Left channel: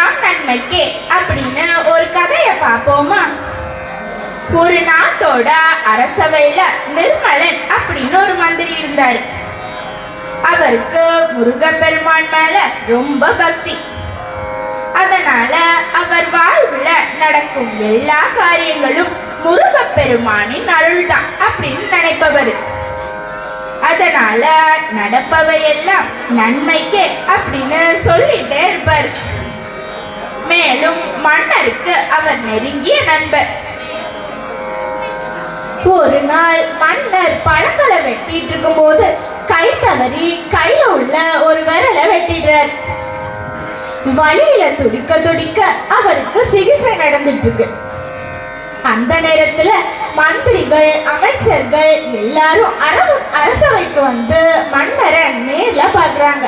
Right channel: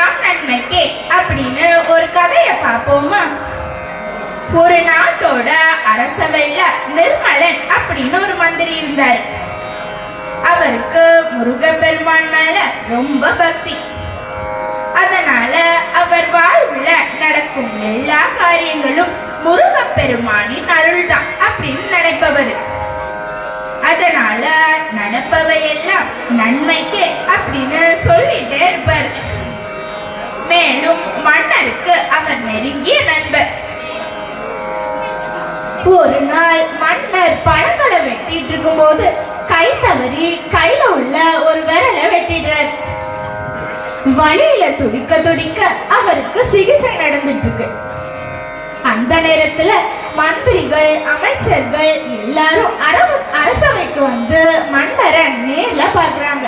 எல்லாம் நன்மைக்கே அப்படின்னு ஒரு கதையை பார்ப்போமா? ஒரு நாட்டோட அரசவையில நிர்மலன் அப்படின்னு ஒரு மந்திரி இருந்தாரு. அவருக்கு முருகப்பெருமான் மேல ரொம்ப பக்தி. அதனால அவர் வாழ்வுல நடக்கும் எல்லா காரியங்களும் முருகப்பெருமானின் அருள்தான் அப்படின்னு நினைப்பவர். அதனால நடப்பவையெல்லாம் நன்மைக்கே அப்படின்னு சொல்லிட்டே இருப்பார். மேலும் மன்னருக்கு அவர் நெருங்கிய நண்பர். ஒரு நாள் மன்னர் பழங்களை வெட்டிட்டு இருக்கும்போது கை தவறி கையில உள்ள ஒரு விரலை வெட்டிடுறார். வலியில துடிக்க துடிக்க அவருக்கு சிகிச்சை நடந்துட்டு இருக்கு. அந்த நேரத்துல மந்திரிகள் அமைச்சர்கள் எல்லாரும் அரசவைக்கு வந்து மன்னரை நேர்ல பாக்குறாங்க.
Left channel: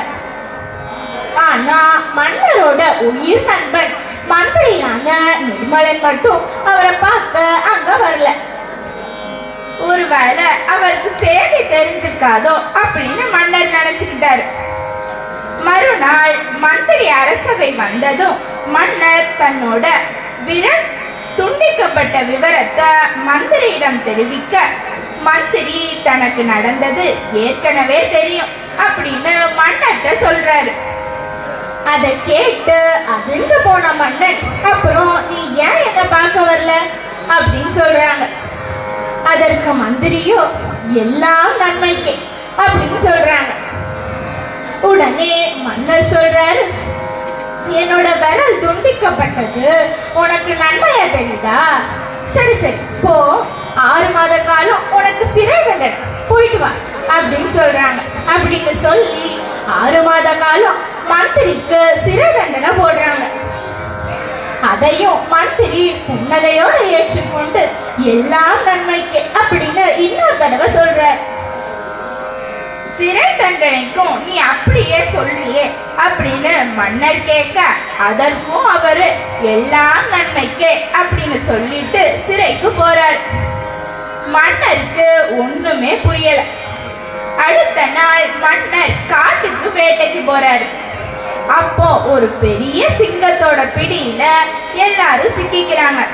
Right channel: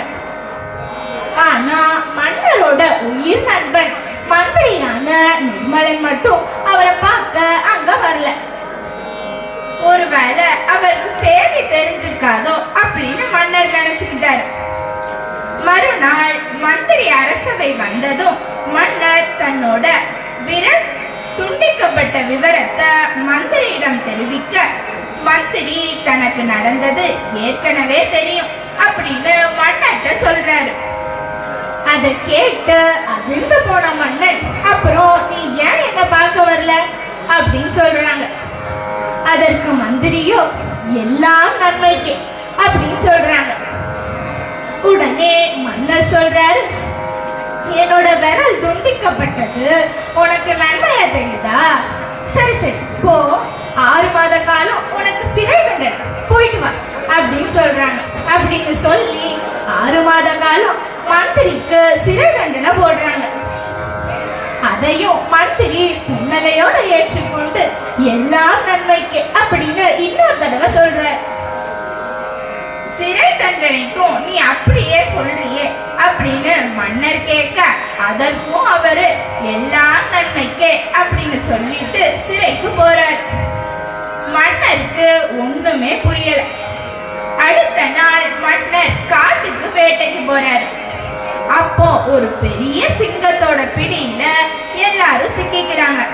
ஆனா மன்னரோட உயிர் நண்பன் மந்திரியான நிர்மலன் மட்டும் அவரை பார்க்க அங்க வரல. ஒருவேளை அவருக்கு செய்தி தெரிஞ்சிருக்காதோ அப்படின்னு மன்னர் நினைச்சுக்கிட்டாரு. மறுநாள் மந்திரி அரசவை வந்ததும் மன்னர் தன்னோட விரல் துண்டிக்கப்பட்ட விவரத்தை மந்திரியிடம் தெரிவிக்க மந்திரி தனக்கு நடந்தது ஏற்கனவே தெரியும் அப்படின்னு மன்னர்கிட்ட சொல்றாரு. அதை கேட்டு அதிர்ந்து போன மன்னன். அப்புறம் நீ ஏன் என்ன பார்க்க வரல? அப்படின்னு சொல்றாங்க. அதற்கு மந்திரியோ எல்லாம் நன்மைக்கு அப்படின்னு சொல்றாங்க. உடனே மன்னர் சொல்றாரு என்னோட விரல் துண்டிக்கப்பட்டது. உனக்கு நன்மையா தெரியுதா? சரி சரி போ. ஆறு மாத காலம் உனக்கு சிறை தண்டனை. போயிட்டு வா அப்படின்னு சொல்றாங்க. அப்படின்னு சொல்லி ஆறு மாத காலம் மந்திரிக்கு சிறை தண்டனை போடுறாங்க. அதையும் மந்திரி புன்னகையோட ஏற்றுக்கொண்டு எல்லாம் நன்மைக்கு அப்படின்னு இன்னொரு தடவை சொல்ற. சிறை தண்டனைக்கும் நீ அப்படியே சொல்றியே அப்படின்னு மன்னர் கேட்க அதற்கும் அவரு எல்லாம் நன்மைக்கே அப்படின்னு சொல்லிட்டு சிறைக்கு போறார். மன்னருக்கு ஒண்ணுமே புரியல. அடுத்த நாள் மன்னர் காட்டுக்கு வேட்டைக்கு போறாரு. அப்போ ஒரு பெரிய சிங்கத்தோட பிடியில எல்லாரும் சிக்கிக்கிறாங்க.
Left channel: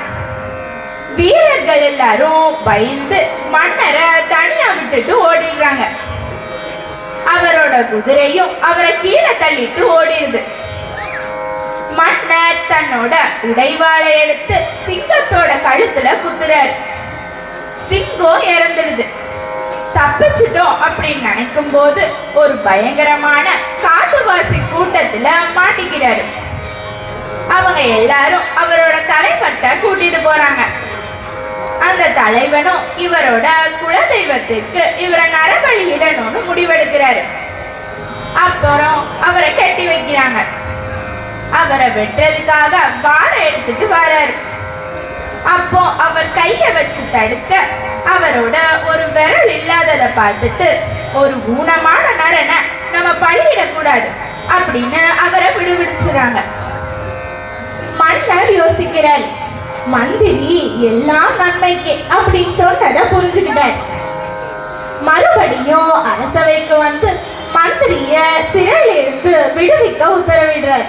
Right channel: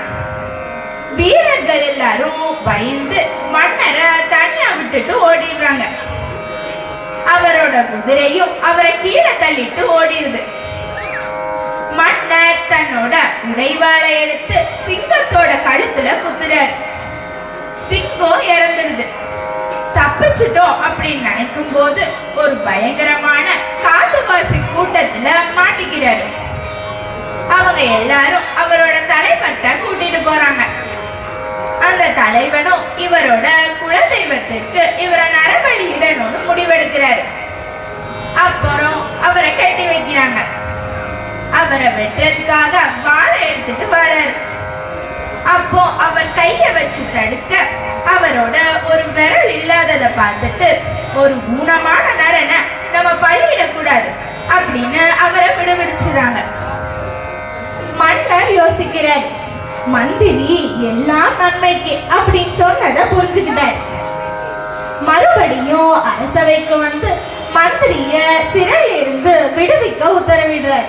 வீரர்கள் எல்லாரும் பயந்து மன்னரை தனியா விட்டுட்டு ஓடிடுறாங்க. அவரோட குதிரையும் அவரை கீழே தள்ளிட்டு ஓடிடுது. மன்னர் தன்னோட உடைவாளை எடுத்து சிங்கத்தோட கழுத்துல குத்துறாரு. சிங்கம் இறந்துடுது. தப்பிச்சிட்டோம் அப்படின்னு நினைக்கும் போது ஒரு பயங்கரமான காட்டுவாசி கூட்டத்துல மாட்டிக்கிறாரு. அவங்க எல்லாரும் அவரோட தலைப்பட்ட கூட்டிட்டு போறாங்க. அந்த தலைவனும் இவரோட குலதெய்வத்துக்கு இவரை நரபலியிடணும்னு முடிவெடுக்கிறாரு. அப்புறம் அவரை கட்டி வைக்கிறாங்க. அவரை வெட்டுறதுக்காக வாழை எடுத்துட்டு வராரு. அப்போ அவர் கையை வச்சு தடுக்க அவரோட ஒரு விரல் இல்லாததை பார்த்துட்டு ஒரு ஊனமான நரனை நம்ம பழியிடக்கூடாது அப்படின்னு அவரை விடுவிடுச்சுறாங்க மன்னர் யோசிக்கிறார் மந்திரி எல்லாம் நன்மைக்கு அப்படின்னு சொன்னதை புரிஞ்சுக்கிட்டார். மறுபடியும் அரசவைக்கு வந்து மந்திரிய சிறையிலிருந்து விடுவிக்க உத்தரவிடுறார்.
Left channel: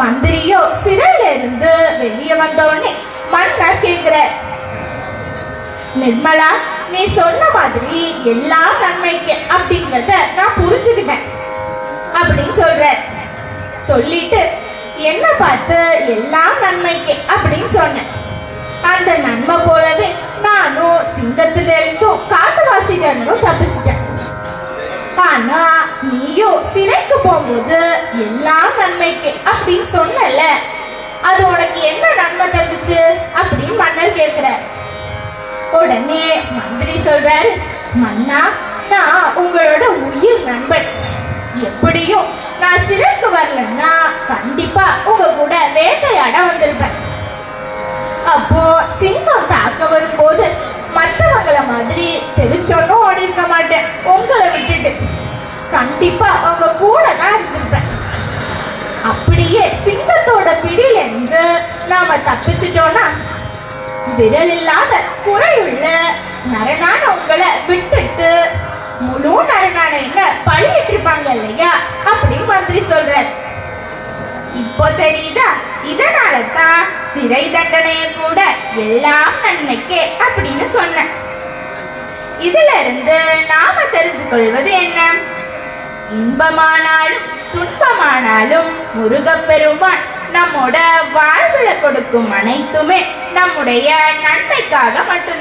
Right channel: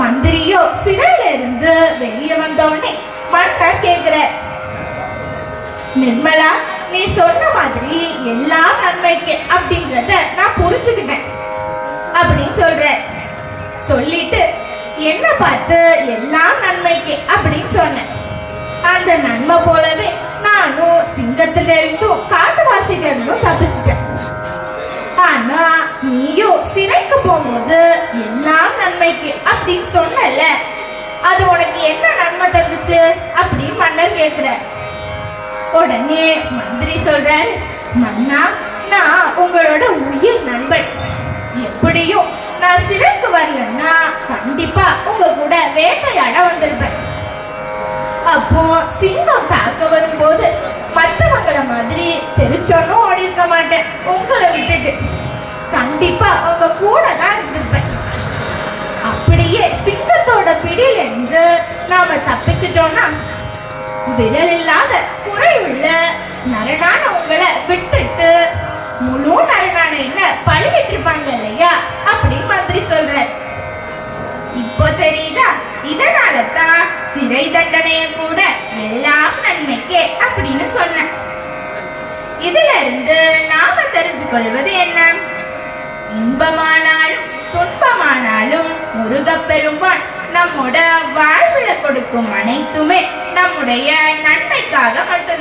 மந்திரியோ சிறையில இருந்து வெளியே வந்தோடனே மன்னர் கேட்கிறார் நிர்மலா நீ சொன்ன மாதிரி எல்லா நன்மைக்கு அப்படின்றத நான் புரிஞ்சுக்கிட்டேன். அப்படின்னு சொல்றேன். சொல்லிட்டு என்ன பார்த்து எல்லாம் நன்மைக்கு அப்படின்னு சொன்னேன். அந்த நன்மை போலவே நானும் சிங்கத்திலிருந்தும் இருந்தும் இருந்தும் தப்பிச்சிட்டேன். ஆனா நீயும் சிறைக்கு போகும்போது எல்லாம் நன்மைக்கு அப்படின்னு சொன்னல அது உனக்கு என்ன நன்மை தந்துச்சு அப்படின்னு மன்னர் கேக்குறார். உடனே மந்திரி சொல்றாரு மன்னா நான் உங்களோட உயிர் நண்பன். எப்படியும் நான் சிறைக்கு வரலன்னா கண்டிப்பா உங்க கூட வேட்டையாட வந்திருப்பேன். அப்போ சிங்கம் தாக்க வரும்போது மற்றவங்கள மாதிரி தெரிச்சோன்னும் ஓடி இருக்க மாட்டேன். உங்களை விட்டுட்டு. கண்டிப்பா உங்க கூட தான் இருந்திருப்பேன். அப்படியே சிங்கத்தோட பிடியில இருந்து நாம தப்பிச்சிட்டோம்னா விரல் இல்லாத குறையுள்ள நரனான உங்களை விட்டுட்டு முழு நரனான என்ன பழியிட்டு இல்லையா? அப்படின்னு மந்திரி சொல்ற இப்போ தெரியுதா? இதனால தான் சிறை தண்டனைய கூட எல்லாம் நன்மைக்கே அப்படின்னு சொன்னேன். இதுல இருந்து நாம தெரிஞ்சு கொள்வது என்ன? இன்பமானாலும் துன்பமானாலும் முருகப்பெருமான் நம்மோட வாழ்வுல கொடுக்கும் அனைத்துமே நம்முடைய நன்மைக்காக மட்டும்